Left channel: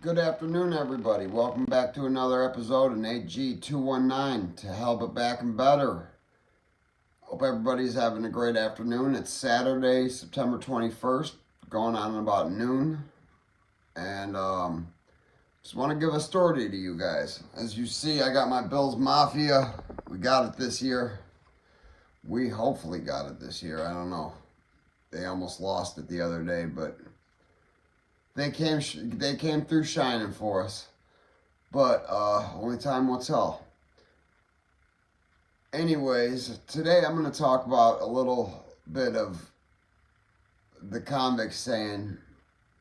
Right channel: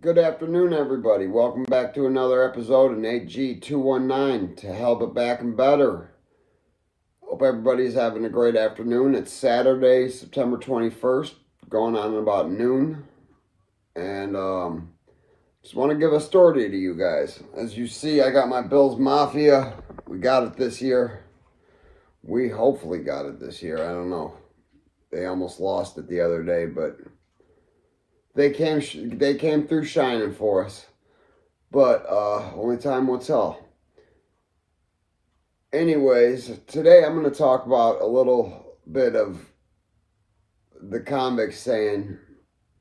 Good afternoon, everybody. Welcome back to another episode in 8G219 to Hell But Back and Better. Hope everybody's having a great afternoon. It's Saturday, September 21st, going on about noon. And just want to give a story to you guys. As you see, I got my Bills Mafia. We got it this year. We hopefully got it this year. I don't know. They almost lost it the other day, but they came through shining for us. But only time will tell. Anyways, today I'm going to talk about a little bit of the convicts saying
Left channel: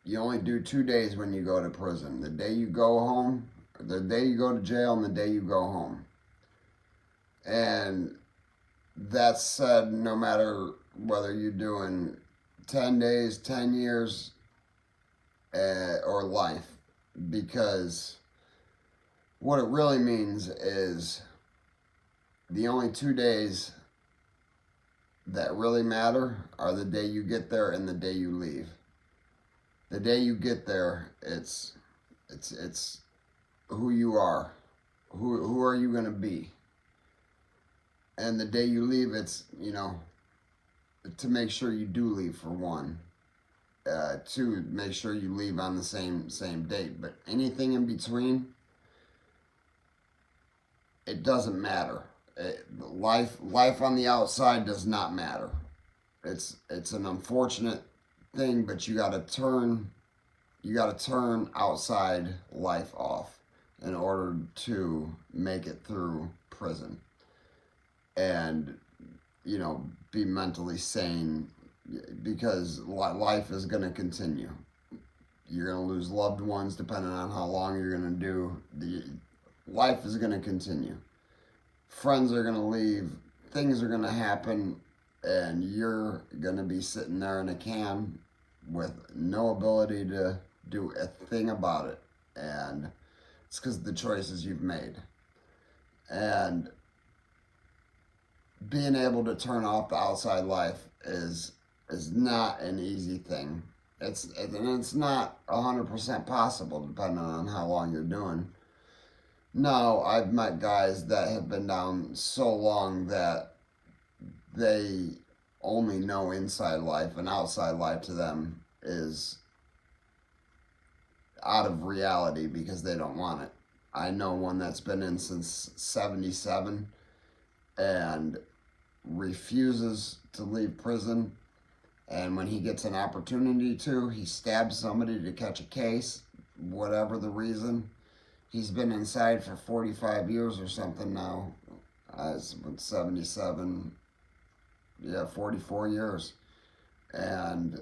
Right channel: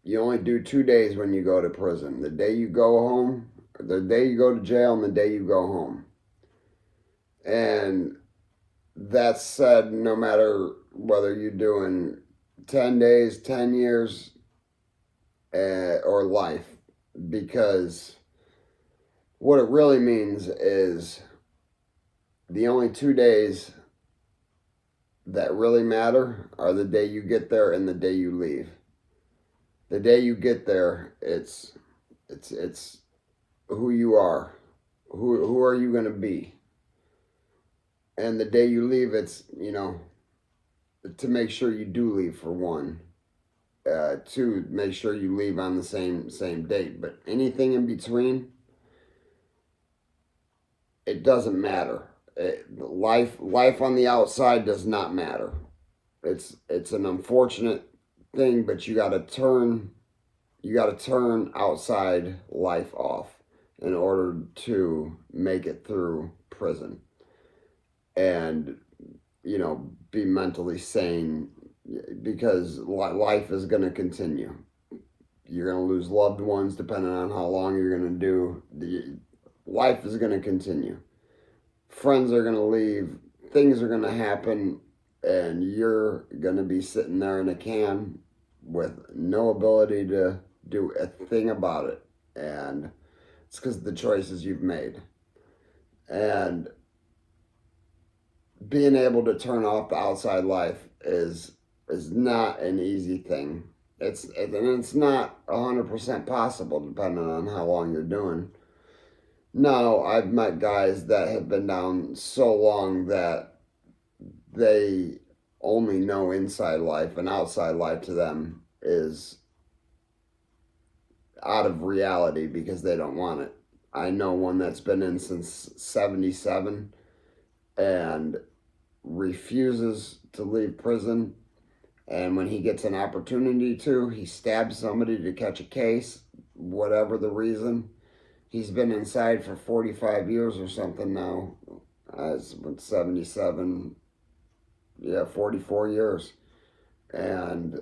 you only do 2 days when you go to prison. The day you go home, the day you go to jail, and the day you go home. And that's said no matter whether you're doing 10 days, 10 years, or life. Because what it really means is the only 2 days that really matter are the day you get there and the day you leave. The day you get there, it's who you are. Who are you going to be? And the day you leave, it's, to make sure you do leave for one. To make sure you leave on the same date. But anything in between, it doesn't matter. Life on the outside does not matter. It's an unfortunate thing, but you got to turn outside life off in order to make it through prison and be mentally sane, because life is going to continue. You're going to lose loved ones depending on how long you're going to do. Life is going to continue. Friends are going to leave. Things are going to happen. And you're going to be sitting there in a can with no ability to do a thing about it. And it's because of the choices you've made. And being able to turn off the outside life is not an easy thing. It's not 100% possible depending on how long you're doing. No, I've met guys that have been down so long that they only know inside life, and outside life to them is out of reality because they don't want it. I know one that's been in since 77 and refuses to leave prison. And when he gets an opportunity to, he stabs somebody to catch a case, whatever the reason. He's been inside for 45 years or something now. It's been 77, 44 years. And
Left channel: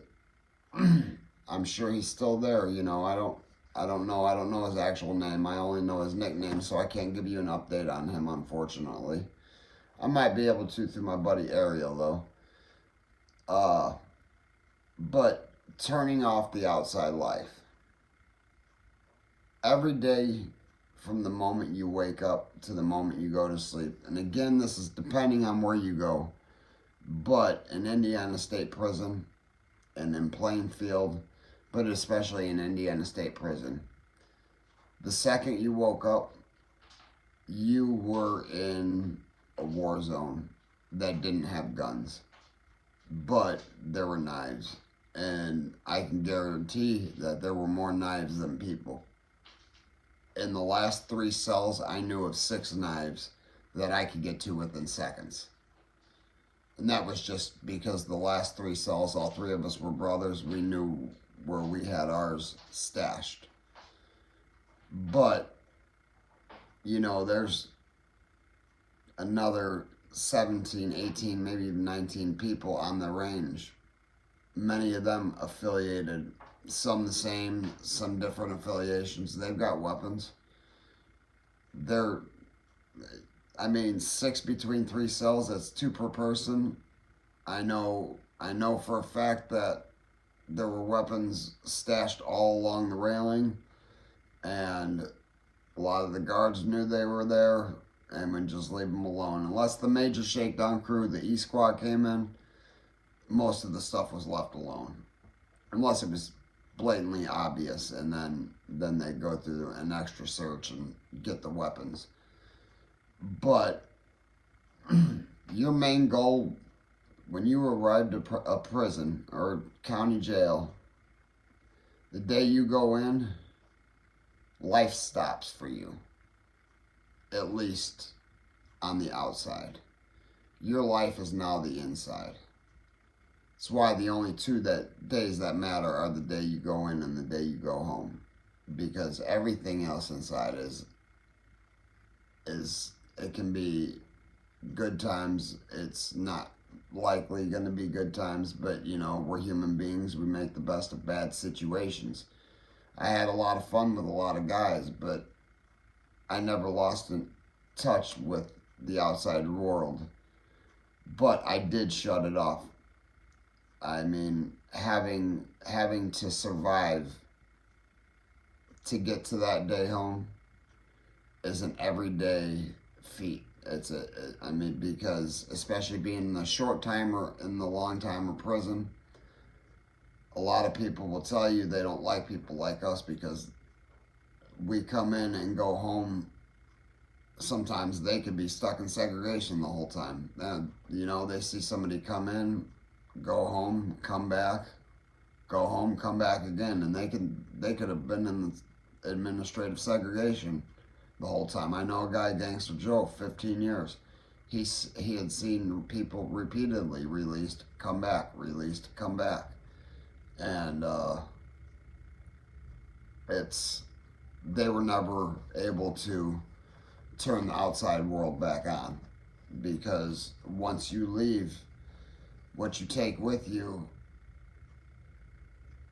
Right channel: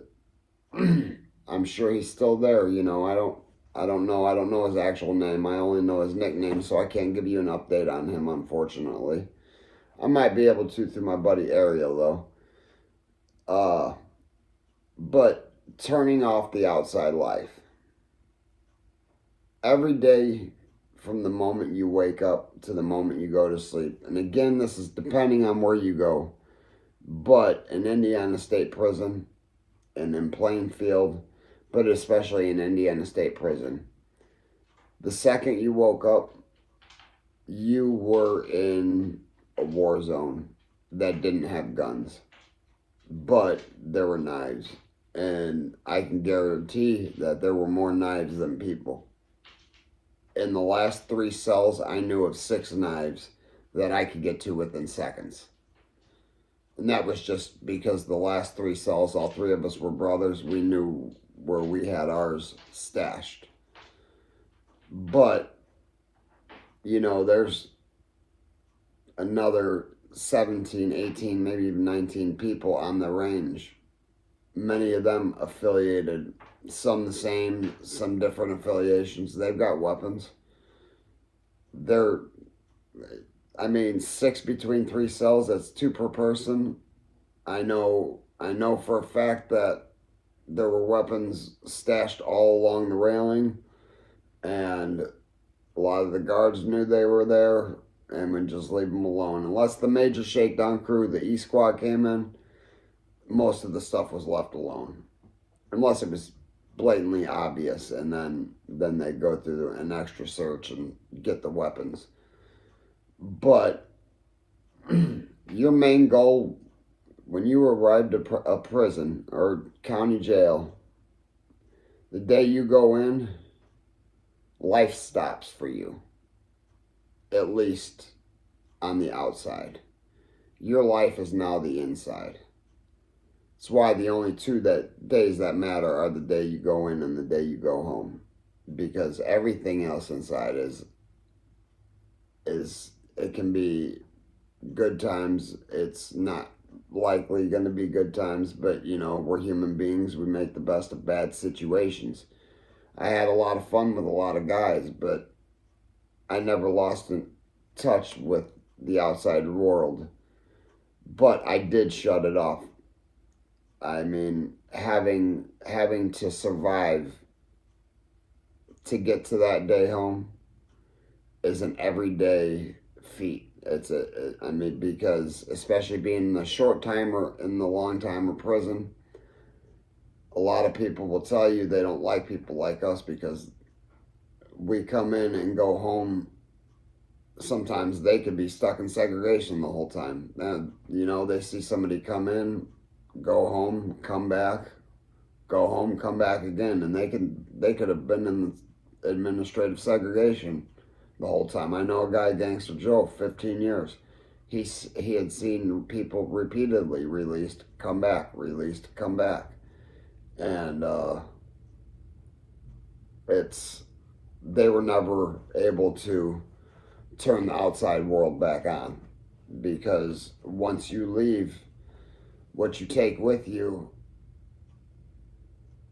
I'm sure he's still there. I don't know his actual name. I only know his nickname, so I can't give you an update on him, unfortunately. I might be able to through my buddy Ariel, though. But turning off the outside life. Every day from the moment you wake up to the moment you go to sleep. And again, this is depending on where you go. But in Indiana State Prison and in Plainfield, but especially in Indiana State Prison, the second you woke up, you were in a war zone that didn't have guns. But there were knives. And I can guarantee that there were more knives than people. In the last 3 cells, I knew of 6 knives that I could get to within seconds. And that was just because the last 3 cells, all 3 of us were brothers. We knew where we had ours stashed. But, there's another 17, 18, maybe even 19 people on the range. Many of them affiliated, some the same, some different affiliations. They've got weapons. 6 between 3 cells, that's 2 per person. I know for a fact that there were weapons stashed all along the railing, and a lot of the guards knew they were there and would just leave them alone. Unless the major shakedown crew, the E Squad, came in, most of the stuff was left alone. Unless it was blatantly obvious, and then they go through an extra search and get the weapons. But your main goal when you arrive at a prison or county jail, the day you go in, life stops for you, at least on the outside. Your life is now the inside. That's why the only days that matter are the day you go in and the day you go home, because everything else inside is it can be good times. It's not likely going to be good times, but we're human beings. We make the best of bad situations. I had a lot of fun with a lot of guys, but I never lost in touch with the outside world. But I did shut it off. I mean, having to survive to get to that day home is an everyday feat. Because especially being in the short time or in the long time of prison, a lot of people will tell you they don't like people like us because we come in and go home. Sometimes they could be stuck in segregation the whole time. And, they see somebody come in, go home, come back, go home, come back again, and they could have been in the administrative segregation the whole time. I know a guy, Gangster Joe, 15 years. He had seen people repeatedly released, come back, released, come back. And they were never able to turn the outside world back on, because once you leave, what you take with you,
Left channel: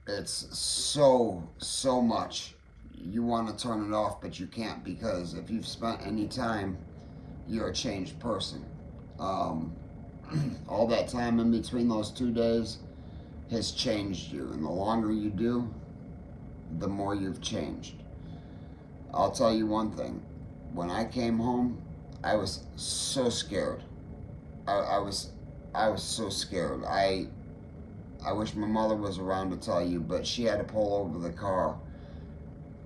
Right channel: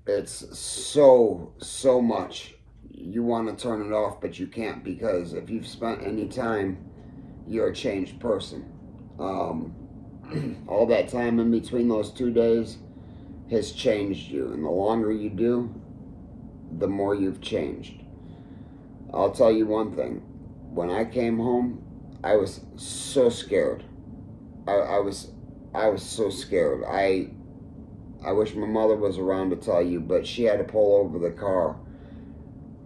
it's so much. You want to turn it off, but you can't, because if you've spent any time, you're a changed person. All that time in between those 2 days has changed you, and the longer you do, the more you've changed. I'll tell you one thing. When I came home, I was so scared. I was so scared. I wish my mother was around to tell you, but she had to pull over the car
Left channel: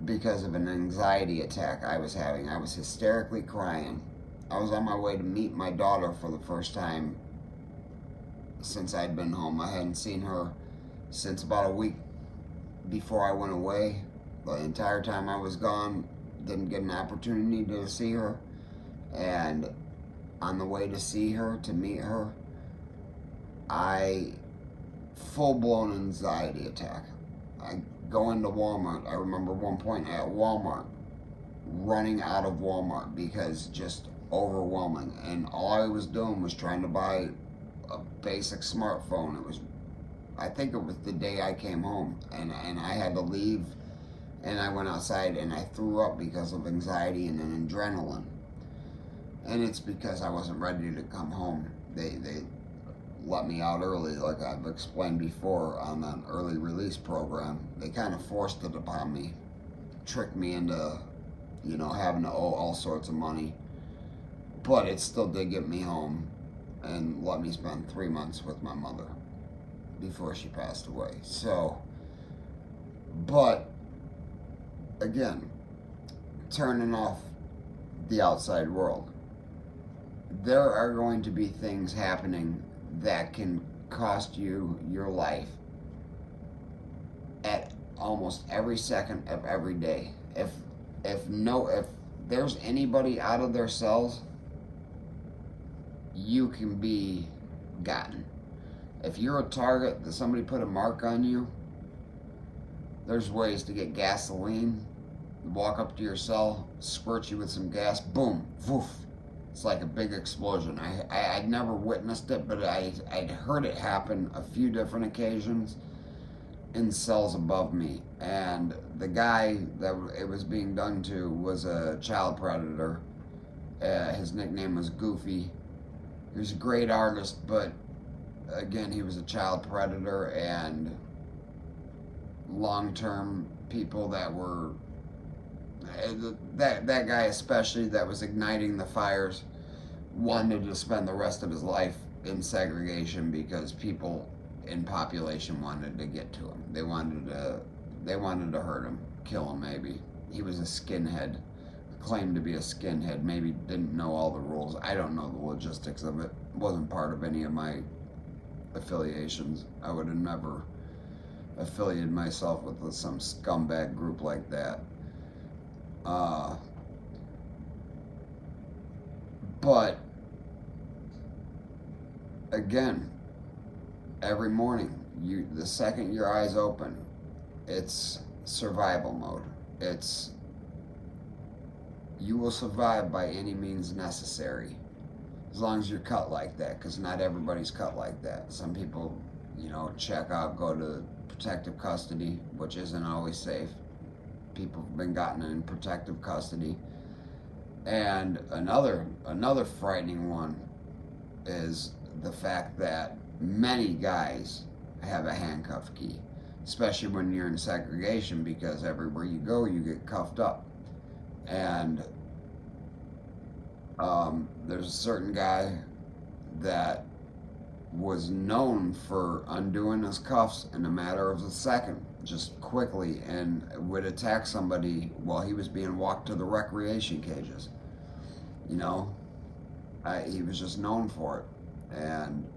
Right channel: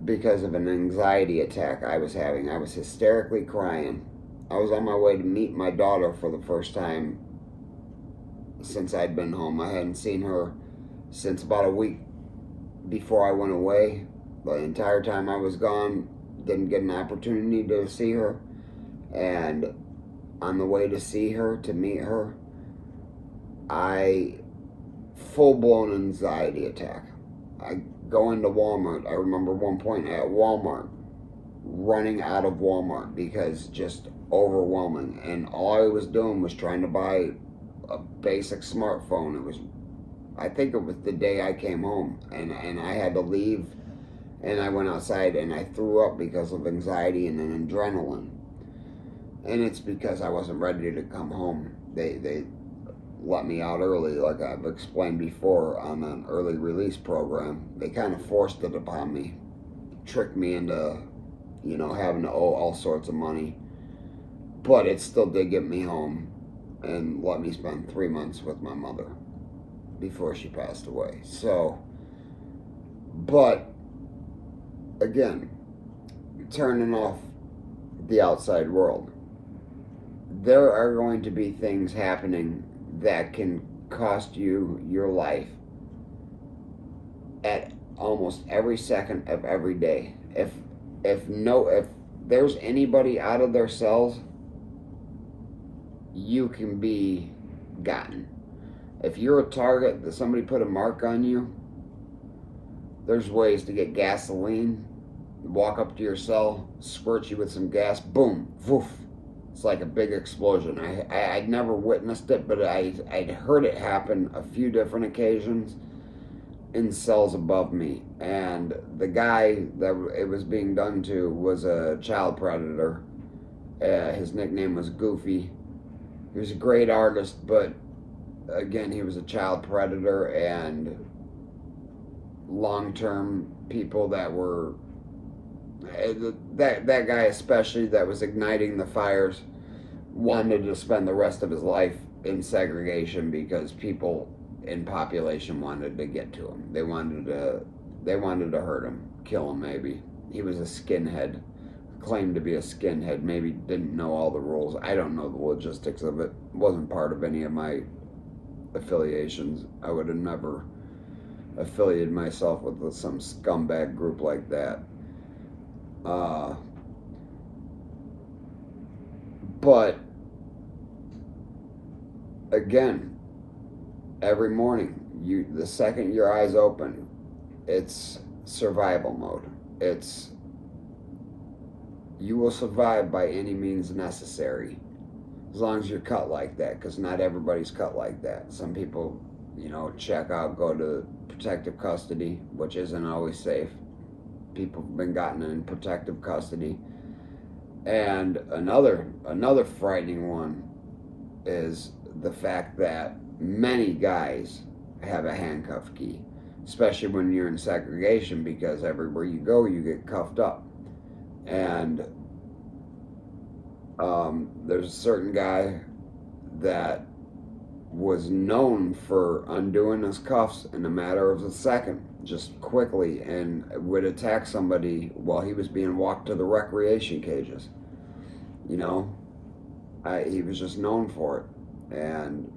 because of an anxiety attack I was having. I was hysterically crying. I was on my way to meet my daughter for the first time since I'd been home. I hadn't seen her since about a week before I went away. The entire time I was gone, didn't get an opportunity to see her. And on the way to see her, to meet her, full-blown anxiety attack. I go into Walmart. I remember one point at Walmart, running out of Walmart because just overwhelming. And all I was doing was trying to buy a basic smartphone. I think it was the day I came home, and I had to leave, and I went outside and I threw up because of anxiety and an adrenaline. And it's because I wasn't ready to come home. They let me out early, like I've explained before on an early release program. They kind of forced it upon me, tricked me into, having to owe all sorts of money. But it still did get me home and let me spend 3 months with my mother before she passed away. So, but again, turning off the outside world. There are going to be things happening that can cost you your life at almost every second of every day. If there's anybody out of their cells, you can be gotten. If you're a target that somebody put a mark on you, there's ways to get gasoline, walk up to your cell, squirt you with some gas, boom, woof. It's like a big explosion. I'd never witnessed it, but I'd heard it happen a few different occasions in cells above me. And the guy that it was being done to was a child predator. His nickname was Goofy. He was a great artist, but again, he was a child predator, and long-term people that were that guy especially that was igniting the fires wanted to spend the rest of his life in segregation because people in population wanted to get to him. They wanted to They wanted to hurt him, kill him maybe. He was a skinhead, claimed to be a skinhead, maybe didn't know all the rules. I don't know the logistics of it. Wasn't part of any of my affiliations. I would have never affiliated myself with some scumbag group like that. But again, every morning, the second your eyes open, it's survival mode. It's you will survive by any means necessary, as long as you're cut like that, because not everybody's cut like that. Some people, check out, go to protective custody, which isn't always safe. People have been gotten in protective custody. And another frightening one is the fact that many guys have a handcuff key, especially when you're in segregation, because everywhere you go, you get cuffed up. And there's a certain guy that was known for undoing his cuffs in a matter of a second, just quickly, and would attack somebody while he was being walked to the recreation cages. He was just known for it. And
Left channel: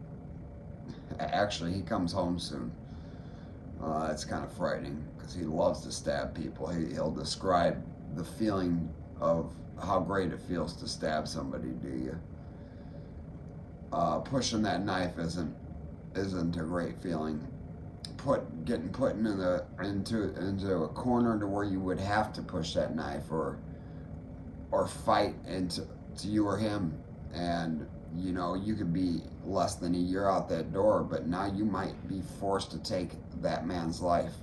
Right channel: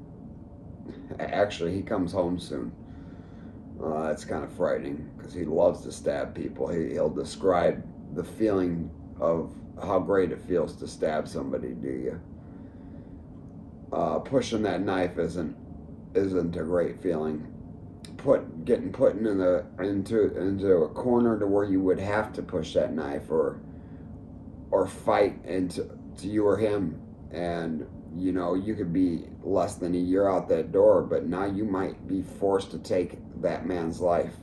actually, he comes home soon. It's kind of frightening, because he loves to stab people. He'll describe the feeling of how great it feels to stab somebody to you. Pushing that knife isn't a great feeling. Getting put into a corner to where you would have to push that knife or fight into you or him, and you could be less than a year out that door, but now you might be forced to take that man's life.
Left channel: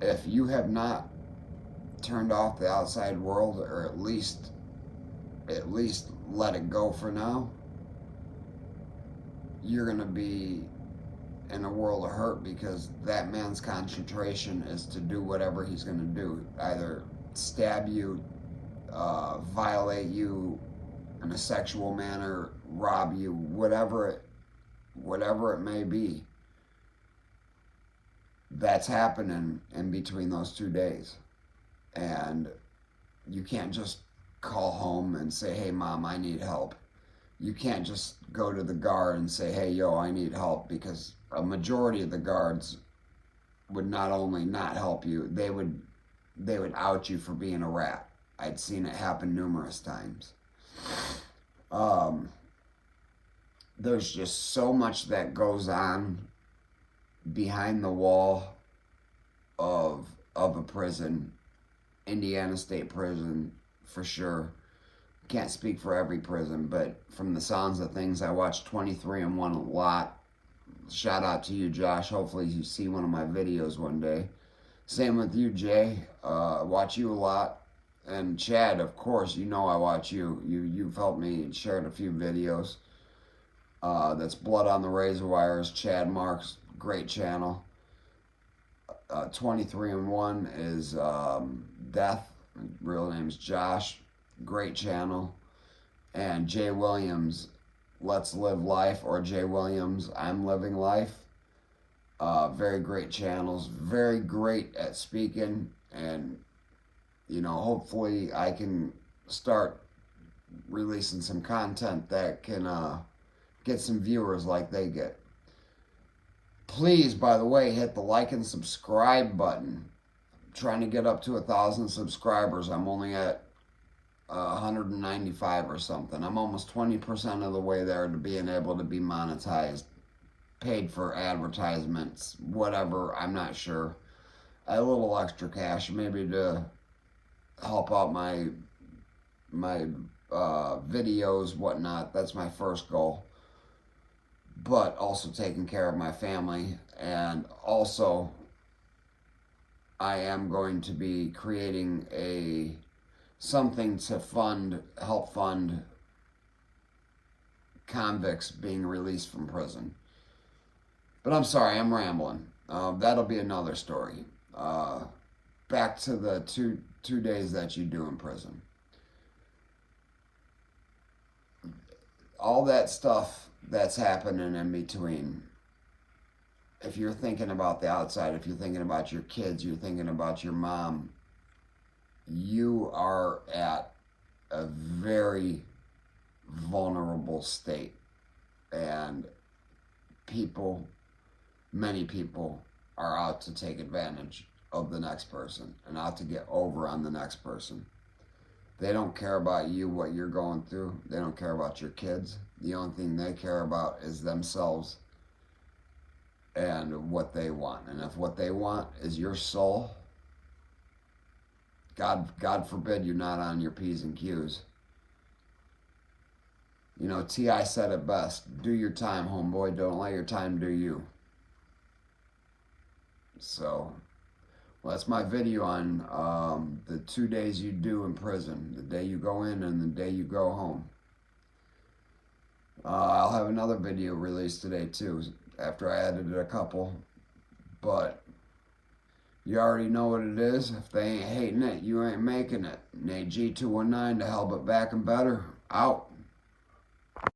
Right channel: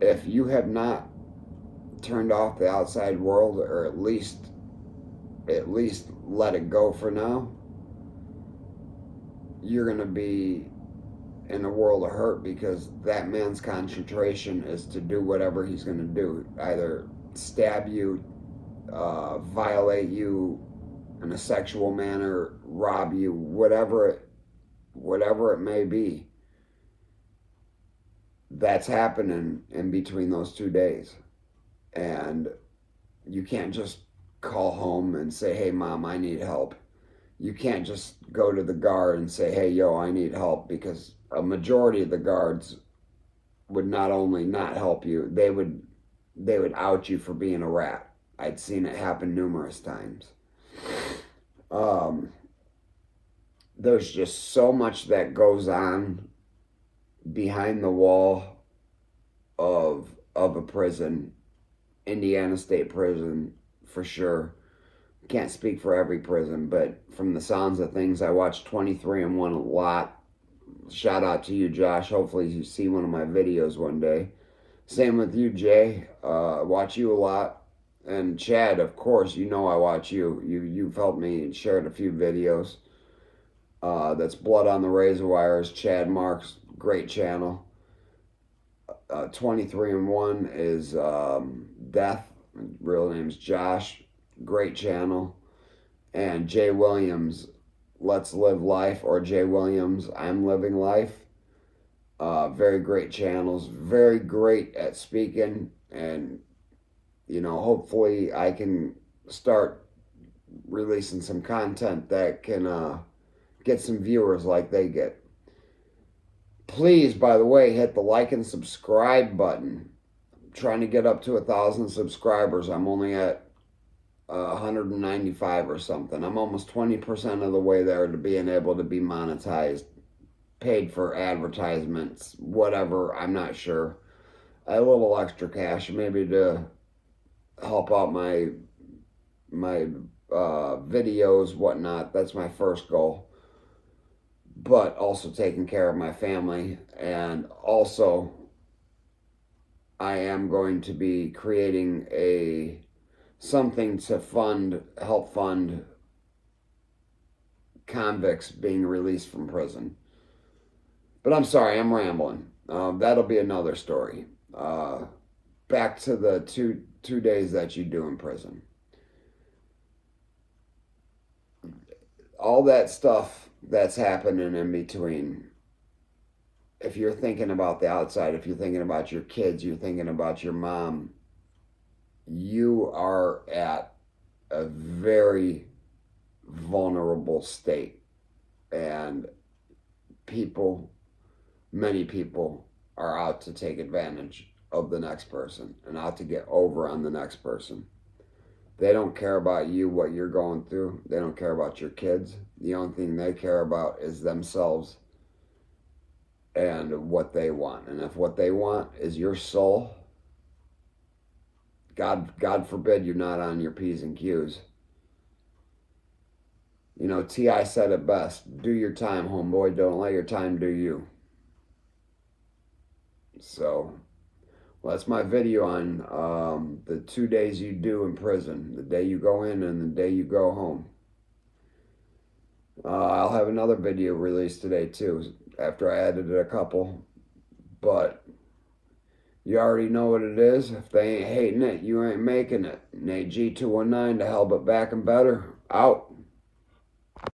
If you have not turned off the outside world, or at least let it go for now, you're going to be in a world of hurt, because that man's concentration is to do whatever he's going to do. Either stab you, violate you in a sexual manner, rob you, whatever it may be. That's happening in between those 2 days. And you can't just call home and say, hey, Mom, I need help. You can't just go to the guard and say, hey, yo, I need help, because a majority of the guards would not only not help you, they would out you for being a rat. I'd seen it happen numerous times. There's just so much that goes on behind the wall of a prison, Indiana State Prison, for sure. Can't speak for every prison, but from the sounds of things, I watch 23-and-1 a lot. Shout out to you, Josh. Hopefully you see one of my videos one day. Same with you, Jay. Watch you a lot. And Chad, of course, I watch you. You've helped me, shared a few videos. That's Blood on the Razor Wires. Chad Marks, great channel. 23-and-1 is Death. Real name's Josh. Great channel. And Jay Williams, Let's Live Life, or Jay Williams, I'm Living Life. Very great channels. Very great at speaking. And, hopefully I can start releasing some content that can get some viewers like they get. Please, by the way, hit the like and subscribe button. I'm trying to get up to 1,000 subscribers. I'm only at 195 or something. I'm almost 20% of the way there to being able to be monetized, paid for advertisements, whatever, I'm not sure. I have a little extra cash, maybe to help out my videos, whatnot. That's my first goal. But also taking care of my family. And also, I am going to be creating something to help fund convicts being released from prison. But I'm sorry, I'm rambling. That'll be another story. Back to the two days that you do in prison. All that stuff that's happening in between. if you're thinking about the outside, if you're thinking about your kids, you're thinking about your mom, you are at a very vulnerable state. And people, many people, are out to take advantage of the next person and out to get over on the next person. They don't care about you, what you're going through. They don't care about your kids. The only thing they care about is themselves and what they want. And if what they want is your soul, God forbid you're not on your P's and Q's. You know, T.I. said it best. Do your time, homeboy. Don't let your time do you. So, well, that's my video on the 2 days you do in prison. The day you go in and the day you go home. I'll have another video released today, too, after I edited a couple. But you already know what it is. If they ain't hating it, you ain't making it. Nate G219 to hell but back and better. Out.